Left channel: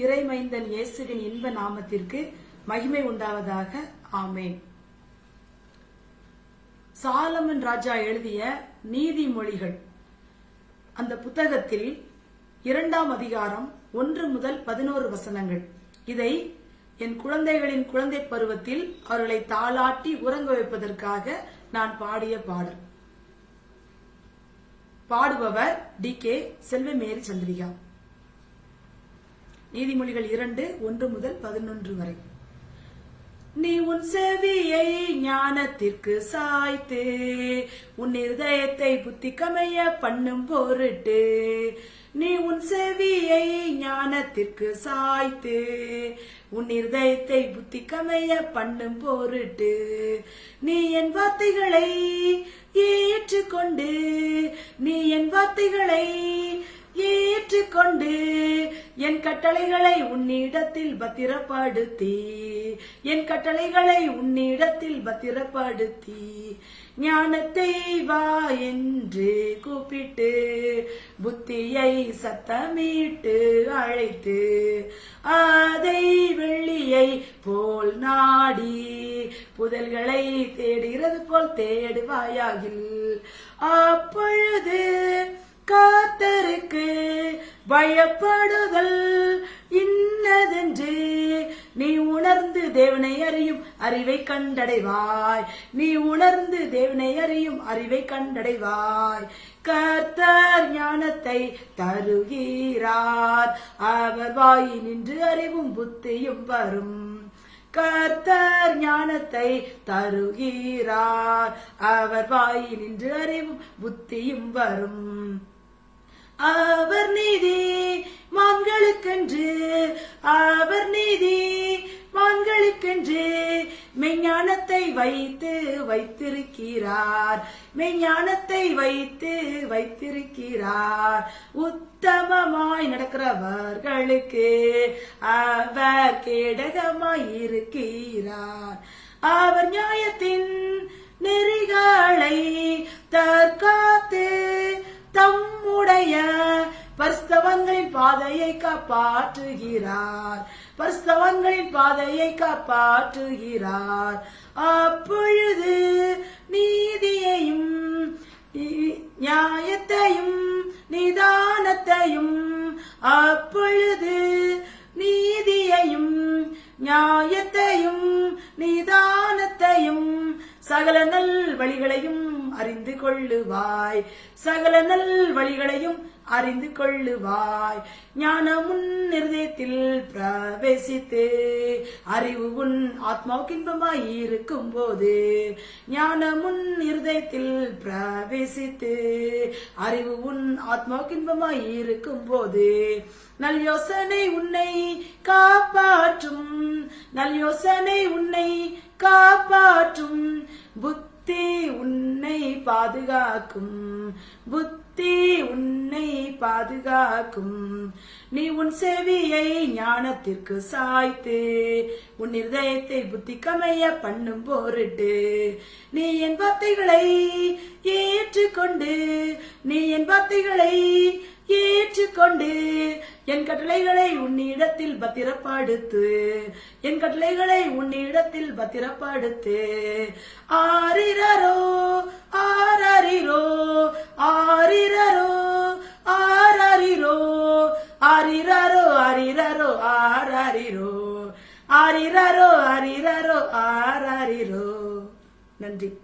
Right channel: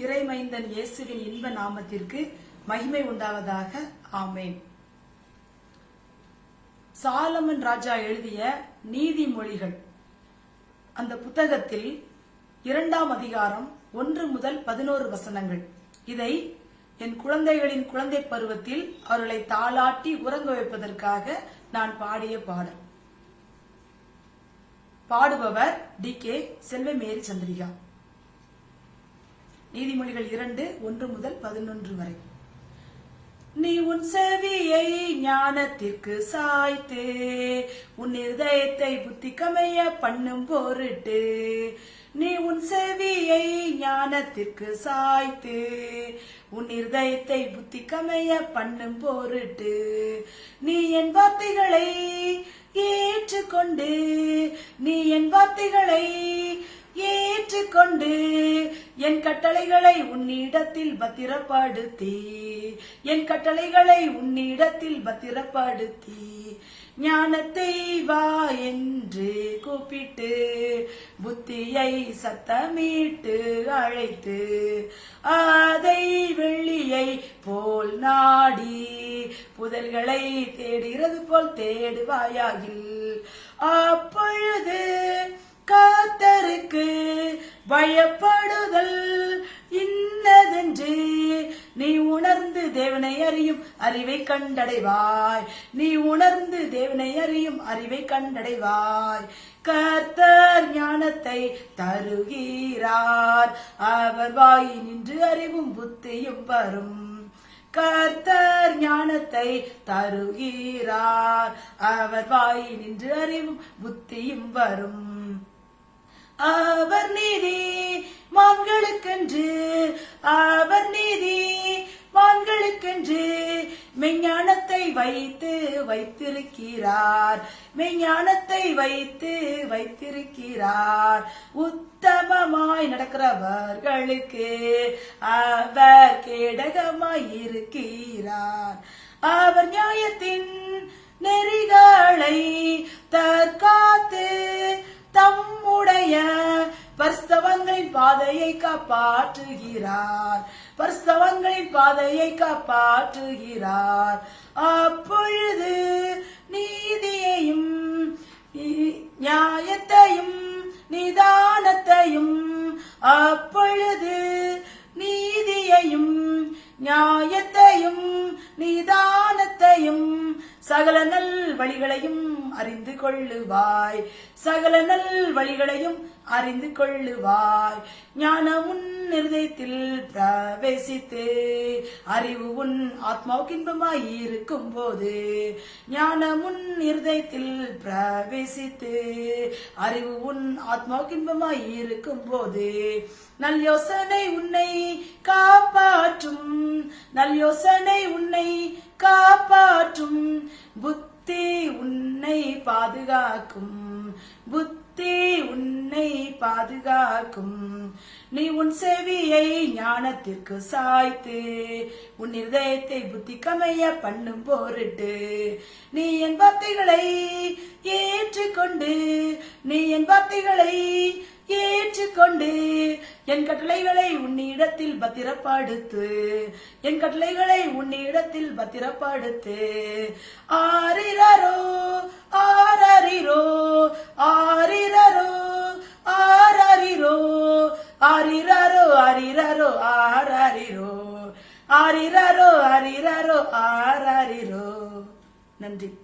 இறைமைந்தன் இயேசுவின் இன்ப நாமத்திற்கு மகிமை உண்டாவதாக. ஆமேன். சாலமன் ராஜா எழுதிய நீதிமொழிகள். அந்த புத்தகத்தில் இரண்டாம் அதிகாரம் ஒன்று முதல் பதினோரு வசனங்கள். இதை என் குழந்தைகளின் குழந்தை பருவத்தில் அவர்களை தாளாட்டி உறங்க வைப்பதற்காக நான் பாடிய பாடல். பாடுபவர் டி கே செல்வமேரி சந்திரிகா. நீதிமொழிகள் இரண்டு ஒன்று முதல் பதினொன்று வரை. நீ உன் செவியை ஞானத்திற்கு சாய்த்து உன் இருதயத்தை புத்தி கமைய பண்ணும் பொருட்டு நீ உன் செவியை ஞானத்திற்கு சாய்த்து உன் இருதயத்தை புத்தி கமைய பண்ணும் பொருட்டு நீ என் வார்த்தைகளை ஏற்றுக்கொண்டு நீ என் வார்த்தைகளை ஏற்றுக்கொண்டு என் கட்டளைகளை உன்னிடத்தில் பத்திரப்படுத்தி என் கட்டளைகளை உன்னிடத்தில் பத்திரப்படுத்தி ஞானத்தை வா என்று கூப்பிட்டு புத்தியை சத்தமிட்டு அழைத்து அதை வெள்ளியை போல் நாடி புதல்களை தேடுகிறது போல் தேடுவாயாகில் அப்பொழுது வழப்படுதல் இன்னதென்று. நீ உணர்ந்து தேவனை அறியும் அறிவை கண்டடைவாய். நீ உணர்ந்து தேவனை அறியும் அறிவை கண்டடைவாய். கர்த்தர் ஞானத்தை தருகிறார். அவர் வாய் நின்று அறிவும் புத்தியும் வரும். கர்த்தர் ஞானத்தை தருகிறார். அவர் வாய் நின்று அறிவும் புத்தியும் வரும். அவர் நீதி மான்களுக்கென்று அவர் நீதி மான்களுக்கென்று மெஞ்ஞானத்தை வைத்து வைத்திருக்கிறார். மெஞ்ஞானத்தை வைத்து வைத்திருக்கிறார். உத்தமமாய் நடக்கிறவர்களுக்கு அவர் கேடகமாய் இருக்கிறார் அவர் நியாயத்தின் நெறிகளை தற்காத்து பரிஸ்தவங்களின் பாதையை காப்பாற்றுகிறார். பரிஸ்தவங்களின் பாதையை காப்பாற்றுகிறார். அப்பொழுது நீதியையும் நியாயத்தையும் நிதானத்தையும் அப்பொழுது நீதியையும் நியாயத்தையும் நிதானத்தையும் சகல நல் வழிகளையும் அறிந்து கொள்ளுவாய். சகல நல் வழிகளையும் அறிந்து கொள்ளுவாய். ஞானம் உன் இருதயத்தில் பிரவேசித்து அறிவு உன் ஆத்மாவுக்கு இன்பமாய் இருக்கும் போது ஞானம் உன் இருதயத்தில் பிரவேசித்து அறிவு உன் ஆத்மாவுக்கு இன்பமாய் இருக்கும் போது நல் யோசனை உன்னை காப்பாற்றும். நல் யோசனை உன்னை காப்பாற்றும். புத்தி உன்னை பாதுகாக்கும். புத்தி உன்னை பாதுகாக்கும். நீ உன் செவியை ஞானத்திற்கு சாய்த்து உன் இருதயத்தை புத்தி கமைய பண்ணும் போருட்டு நீ என் வார்த்தைகளை ஏற்றுக்கொண்டு நீ என் வார்த்தைகளை ஏற்றுக்கொண்டு என் கட்டளைகளை உன்னிடத்தில் பத்திரப்படுத்து என் கட்டளைகளை உன்னிடத்தில் பத்திரப்படுத்து. ஆரிரரோ அரிரரோ ஆரிரரோ ஆரரிரோ. ஆரிரரோ ஆரிரரோ ஆரரிரோ. நன்றி.